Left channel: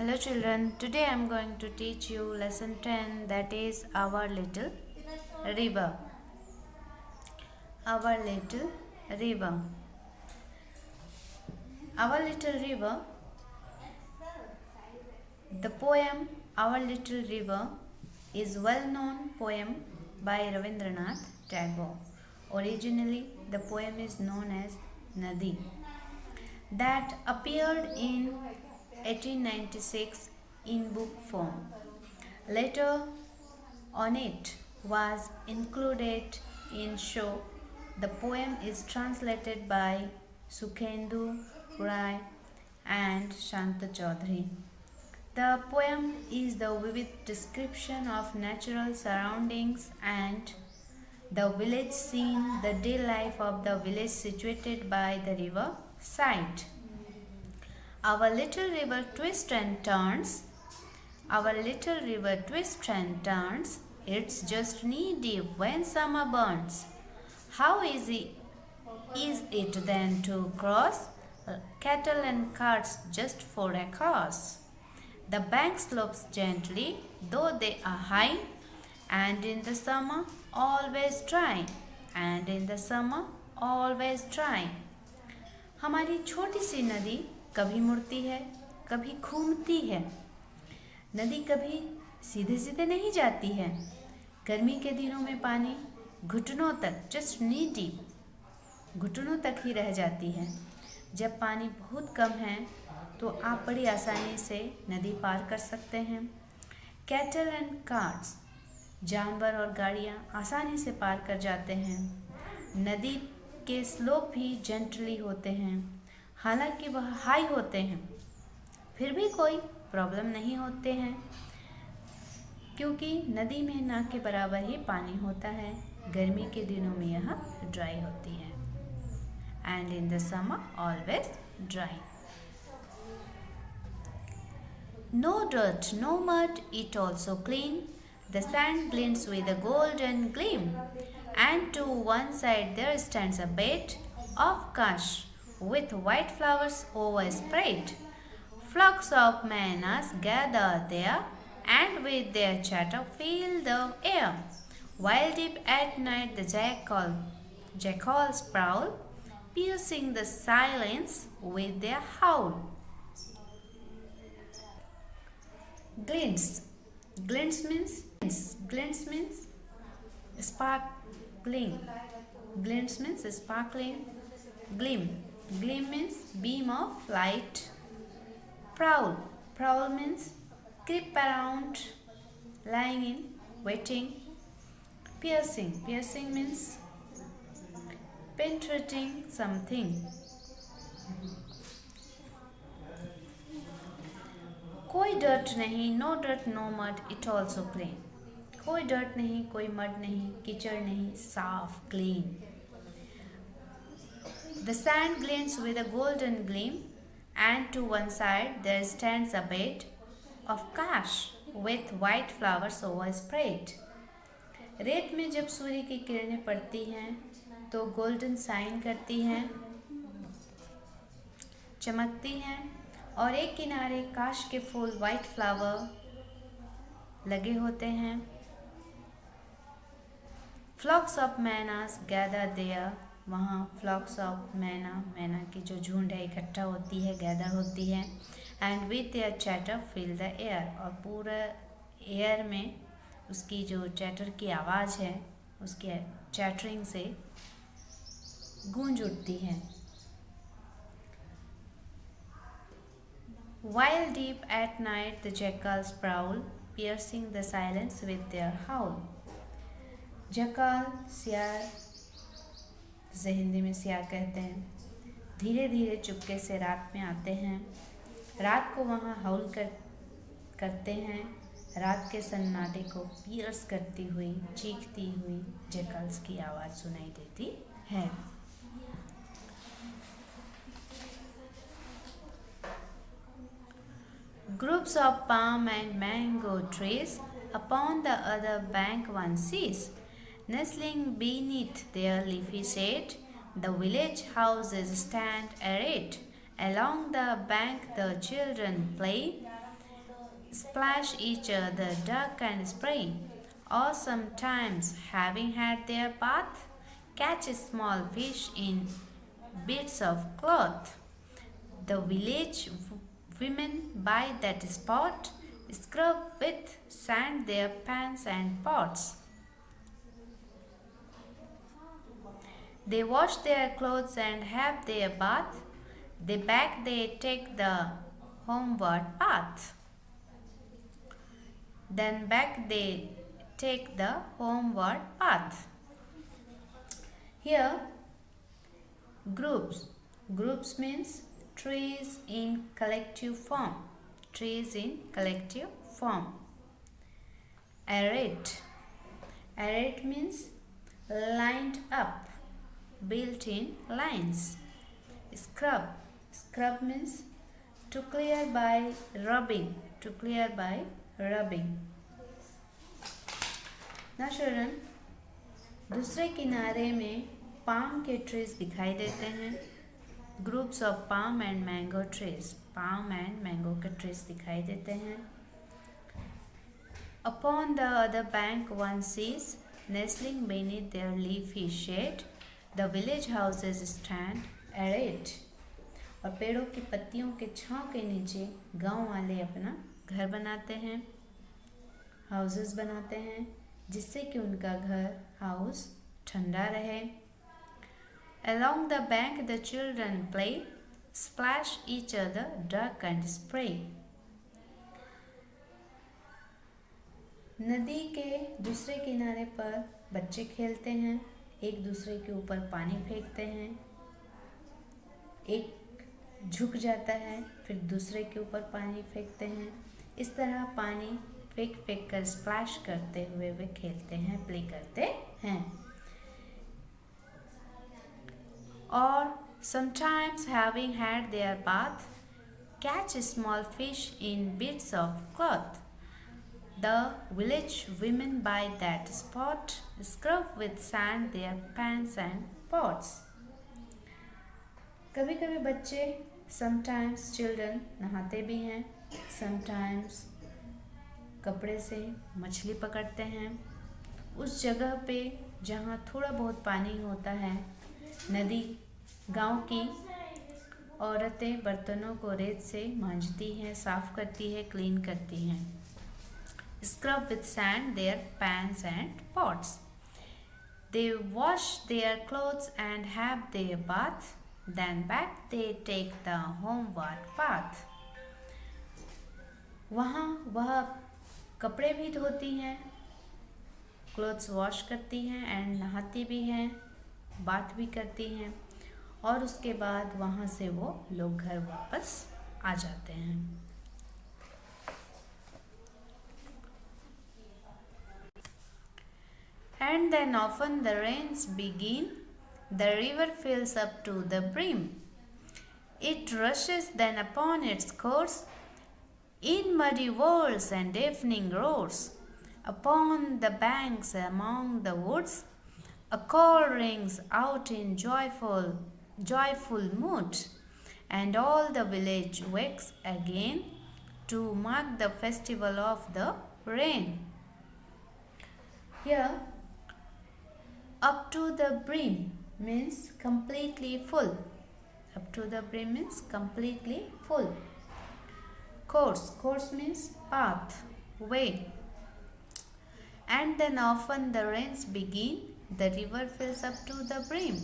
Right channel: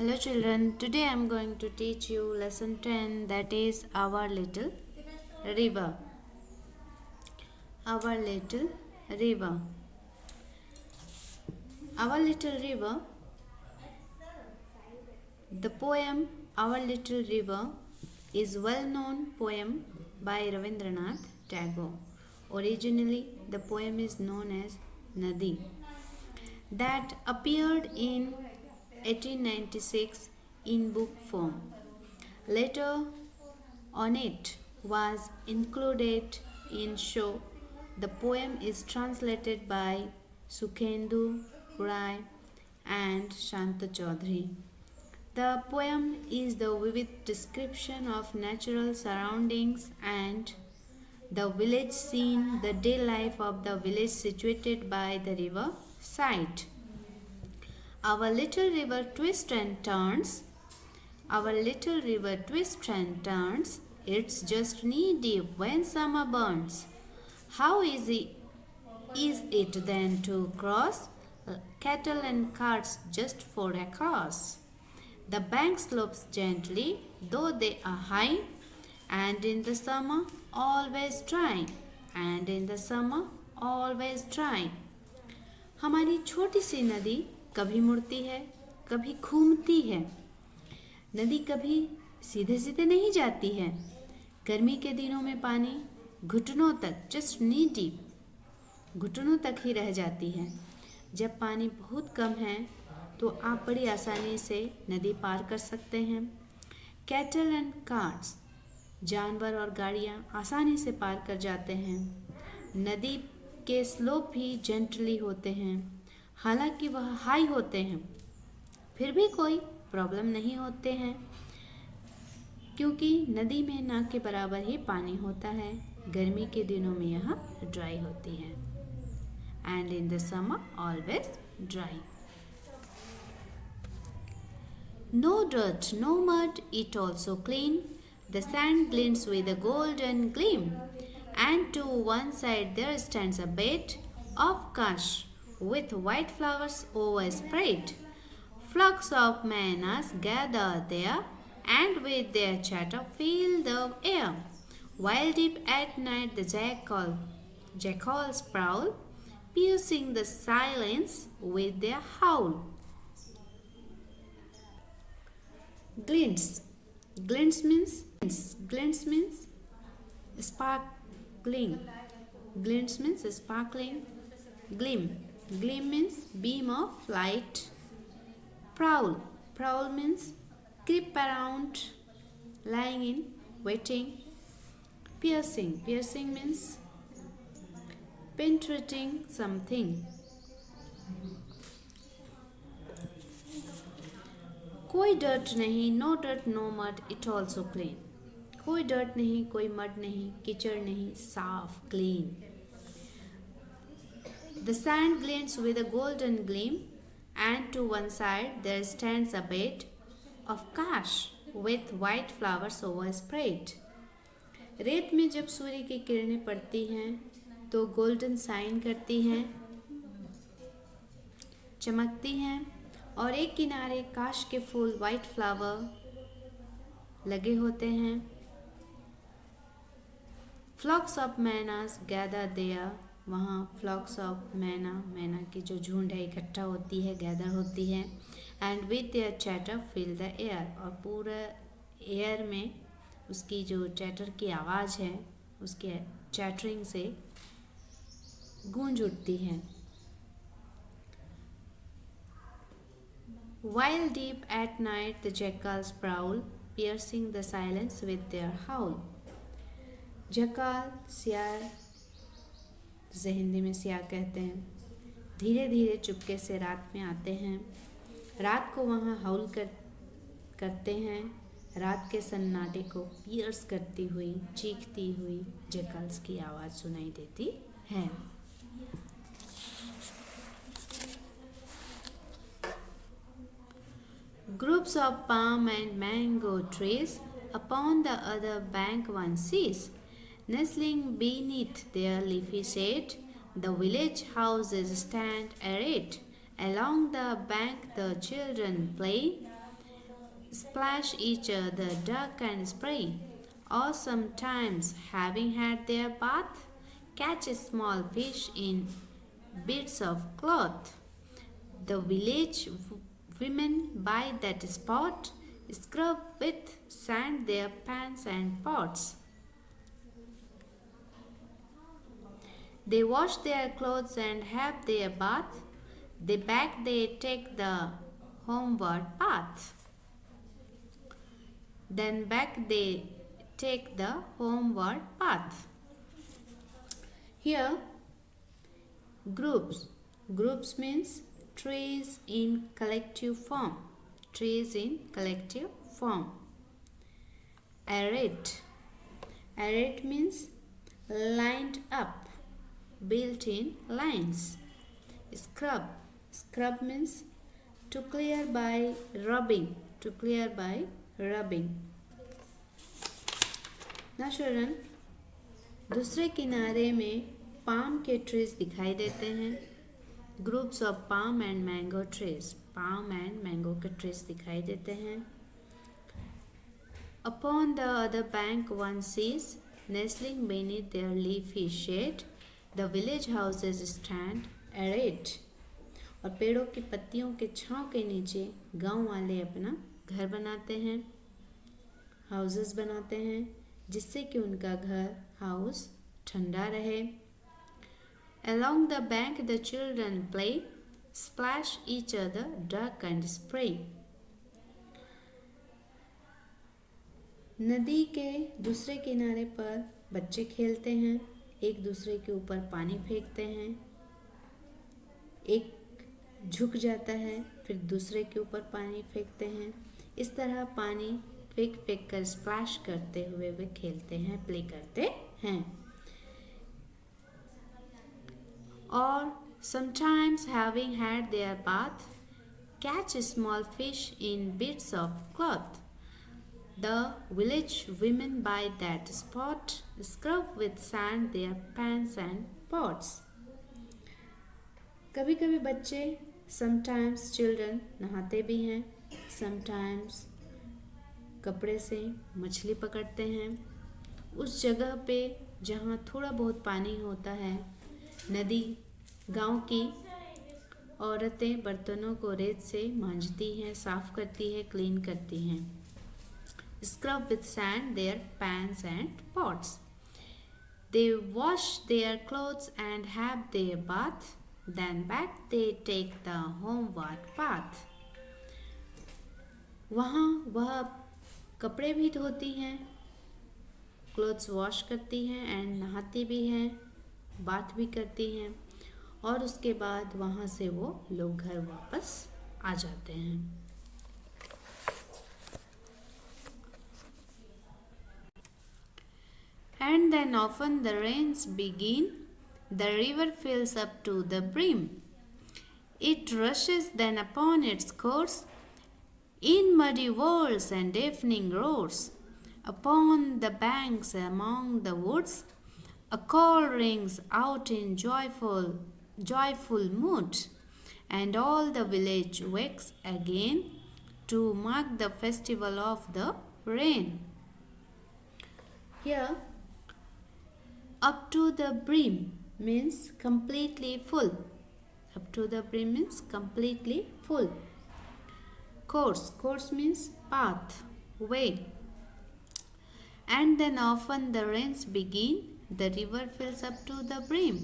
Hello children, today I am going to teach you lesson 10, that is Our Little River. Our Little River. Our Little River. The poem Our Little River is well-known poem by Rabindranath Tagore. Originally, the poem is known as Nadi, that appeared in 1896 in book form. Later on it was included in show. The poem is translated by Sukhendu Rai and Shanta Chaudhary. The poem is the vivid description of natural surroundings and the village scene, the day life of the village situated by the river side. Our little river twists and turns. Our little river twists and turns. It's just knee deep when summer burns. How easy is it then to cross? Cattle and carts just for a course. The bank slopes gently, though they are high, and in the summer always dry. And in the summer always dry. हमारी छोटी सी नदी कभी मुड़ती है, कभी घूमती है। नदी कभी सीधे सीधे नहीं जाती है। गर्मी के दिनों में पानी घुटनों तक, जस्ट नी डीप, घुटनों तक ही रह जाती है। जब पानी बहुत कम है तो आप बड़ी आसानी से नदी पार कर सकते हैं। कैटल एंड कार्ट्स, जानवर और गाड़ियाँ आसानी से पार कर जाते हैं। नदी के स्लोप भी जेंटली होते हैं, हालांकि वह हाई होते हैं, फिर भी कोई प्रॉब्लम नहीं होते हैं, क्योंकि नदी में ना के बराबर ही पानी होता है। गर्मी के दिनों में यह ड्राई होती है। And in the summer always dry. No dirt, no mud, it also clean. The sand glints with a golden gleam. And to one side there stands a bed of cash with white flowers overspread. Flocks of manas gather there and with their chatter fill the air. While deep at night the jackals prowl, piercing the silence with their howl. Glints. Glints means sparkling. Glints means sparkling. Gleam. Gleam means beam of light. Prowl. Prowl means creep around, lying in, waiting. Piercing. Piercing means penetrating something. कोई dirt नहीं, no dirt no mud, it also clean. कोई dirt नहीं, कोई mud नहीं, कीचड़ नहीं, साफ, clean. The sand glints with a golden gleam, and to one side there stands a bed of cash with white flowers overspread. रेत में जब सूर्य की किरणें पड़ती हैं तो गोल्डन साइन करती हैं, चमकती हैं, और एक किनारे काश के फूल वाइट फ्लावर लगे होते हैं। फ्लॉक्स ऑफ मैनास गैदर देयर, वहाँ फ्लॉक्स ऑफ मैना की जो झुंड है इकट्ठा होती है, गैदर होती है। And with their chatter fill the air, और पूरा एयर में उसकी जो चैटर की आवाज़ है उसके चैटरिंग से गूंज उठती है। While deep at night the jackals prowl, piercing the silence with their howl. जकाल सियार, जिसे हिंदी में सियार कहते हैं, धीरे धीरे चुपके से रात में आते हैं। रात को वहाँ हाउल करते हैं। रात के सन्नाटे को पियर्स करती हुई, चीखती हुई जकाल्स की आवाज़ सुनाई देती है। Groups of palm and mango trees upon the other bank one sees, nestling beneath their leafy shade, the village houses stand arrayed. Along the bank the children play, splash each other, duck and spray, or sometimes, having had their bath, catch a small fish in bits of cloth. The village women by that spot scrub with sand their pans and pots. They wash their clothes and have their bath. Back they take the homeward path. Then back they take the homeward path. Here, groups. Groups means trees in collective form. Trees in collective form. Arrayed. Arrayed means lined up, built in lines. Scrub. Scrub means to clear by rubbing. To clear by rubbing. Now children, दूसरे किनारे में palm के trees दिखाई देते हैं. Groups of palm and mango trees. Palm and mango के trees दिखाई देते हैं. Upon the other bank one sees, nestling beneath their leafy shade, the village houses stand arrayed. और पेड़ों की पत्तियों के छांव के नीचे गांव वाले अपना घर बनाते हैं, हाउसेस बनाते हैं, जिससे कि उनका घर हाउस ठंडा रहे. Along the bank the children play, splash each other, duck and spray. नदी के दूसरे किनारे पर बच्चे खेलते हैं, एक दूसरे के ऊपर पानी फेंकते हैं. एक झुक जाता है, फिर दूसरे के ऊपर पानी फेंकते हैं. इस तरह पानी फेंक फेंक कर स्प्लैश करते हुए वे खेलते हैं, प्ले करते हैं. Or sometimes, having had their bath, catch small fish in bits of cloth. The village women by that spot scrub with sand their pans and pots. कभी कभी बच्चे, sometimes children, नहाते भी हैं, sometimes कपड़े से मछली पकड़ते हैं. उस जगह पे जहाँ थोड़ा बहुत पानी होता है, नदी, गांव की औरतें बर्तनों को रेत से मांजती हैं, साफ करती है, क्लीन करती हैं. Scrub with sand their pans and pots. They wash their clothes and have their bath. Then back they take the homeward path. वहाँ वह कपड़े भी धोती हैं, क्लोथ्स वॉश करती हैं एंड नहाती भी हैं, बात भी करती हैं, और उसके बाद वहाँ से वो लोग घर वापस आ जाते हैं. And then often the rains begin, the river fills up to the brim. It rushes then upon its course, in muddy whirls and deafening roars. Upon the banks among the woods, a call rings out in joyful mood, and all the village wakes again to mark the festival of the rain. Here, up to the brim means completely full. Up to the brim means completely full. Course means path, way. And then often the rains begin, the river fills up to the brim.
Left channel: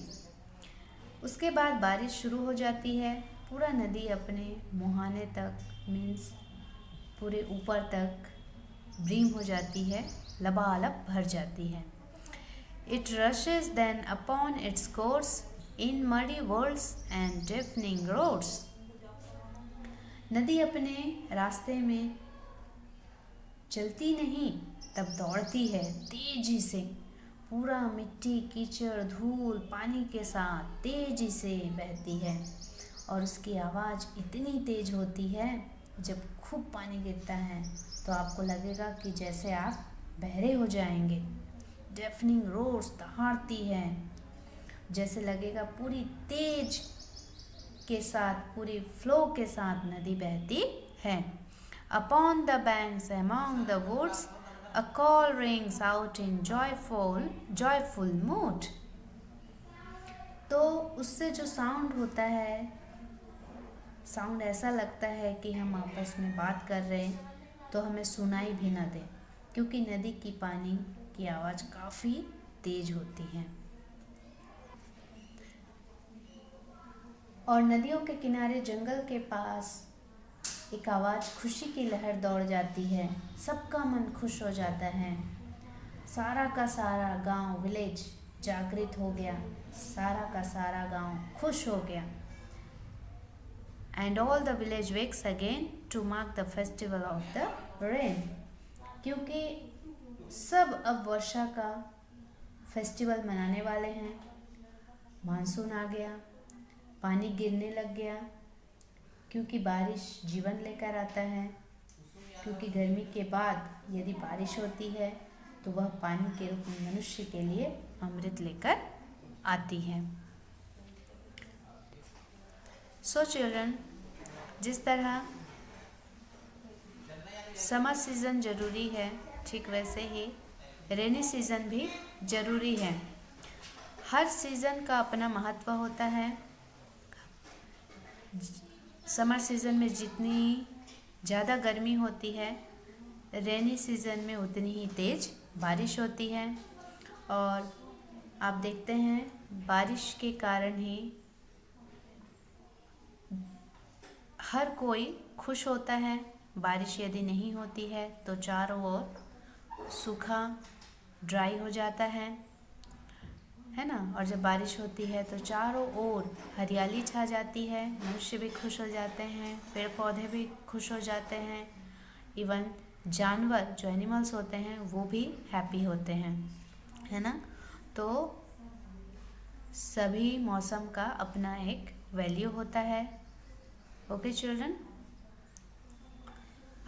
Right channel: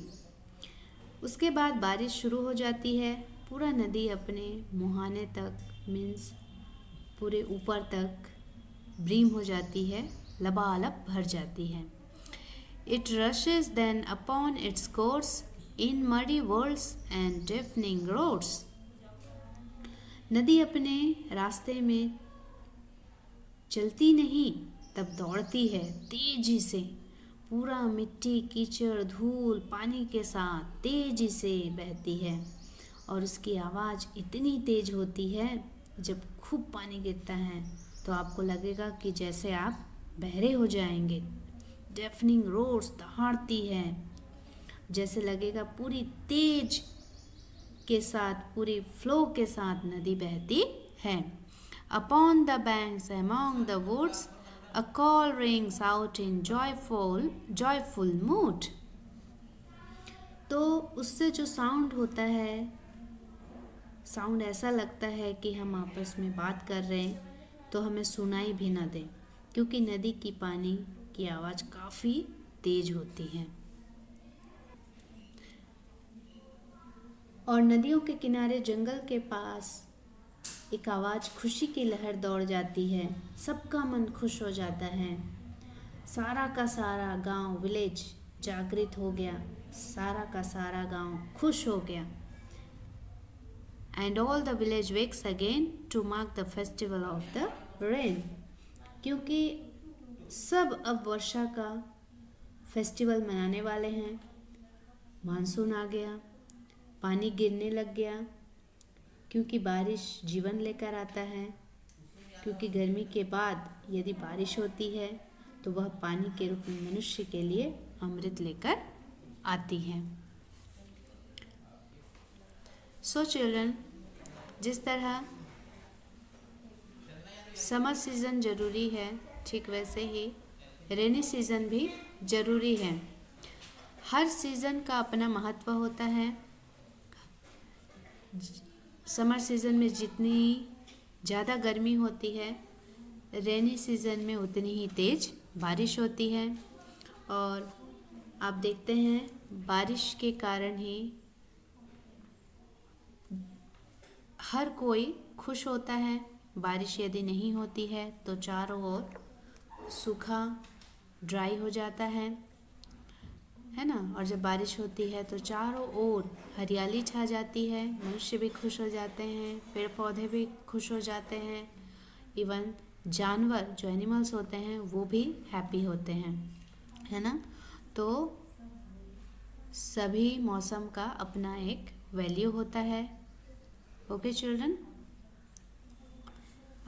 उसके बाद बारिश शुरू हो जाती है, पूरा नदी अपने मुहाने तक मीन्स पूरे ऊपर तक ब्रीम हो जाती है, लबालब भर जाती है. It rushes then upon its course in muddy whirls and deafening roars. नदी अपने रास्ते में चलती नहीं, तब दौड़ती है तेजी से, पूरा मिट्टी, कीचड़, धूल, पानी के साथ तेजी से बहती है. और उसकी आवाज़ इतनी तेज होती है, जब खूब पानी गिरता है तो आपको लगेगा कि जैसे आप बहरे हो जाएंगे. डेफनिंग रोर्स, दहाड़ती है, जैसे लगेगा पूरी तेज के साथ, पूरी फ्लो के साथ नदी बहती है. Upon the banks among the woods a call rings out in joyful mood. तो उससे जो साउंड होता है, साउंड ऐसा लगता है कि हम आपस में बात कर रहे हैं, तो हमें सुनाई भी ना दे, क्योंकि नदी की पानी की आवाज़ काफ़ी तेज होती है। और नदियों के किनारे जंगल के पास एक आवाज़ खुशी की लहर दौड़ जाती है, सबका मन खुश हो जाता है। सारा का सारा गांव, विलेज जागृत हो गया, सारा का सारा गांव खुश हो गया। And all the village wakes again to mark the festival of the rain, क्योंकि सब अब वर्षा का फेस्टिवल मनाने वाले हैं। मानसून आ गया, पानी गिरने लग गया, क्योंकि बारिश जीवन लेकर आता है। क्योंकि गर्मी के बाद यदि बारिश होती है तो वह पानी के रूप में मनुष्य के लिए अमृत लेकर आती है। सो चिल्ड्रन, जिस तरह समर सीज़न ज़रूरी है, ठीक वैसे ही रेनी सीज़न भी ज़रूरी है। हर सीज़न का अपना महत्व होता है। समर सीज़न में जितनी ज़्यादा गर्मी होती है, रेनी सीज़न में उतनी ही तेज़ बारिश होती है। और आप देखते हैं बारिश के कारण ही हर कोई खुश होता है। बारिश यदि नहीं होती है तो चारों ओर सूखा ड्राई हो जाता है ना। और जब बारिश होती है तो चारों ओर हरियाली छा जाती है, मनुष्य भी खुश हो जाते हैं, पेड़ पौधे भी खुश हो जाते हैं, इवन जानवर जो एनिमल्स होते हैं वो भी हैप्पी होते हैं, है ना। तो सभी मौसम का अपना एक वैल्यू होता है। ओके चिल्ड्रन,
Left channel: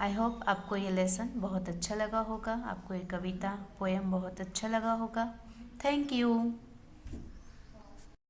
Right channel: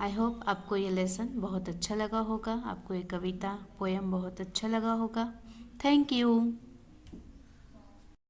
आई होप आपको ये लेसन बहुत अच्छा लगा होगा, आपको ये कविता पोएम बहुत अच्छा लगा होगा। Thank you.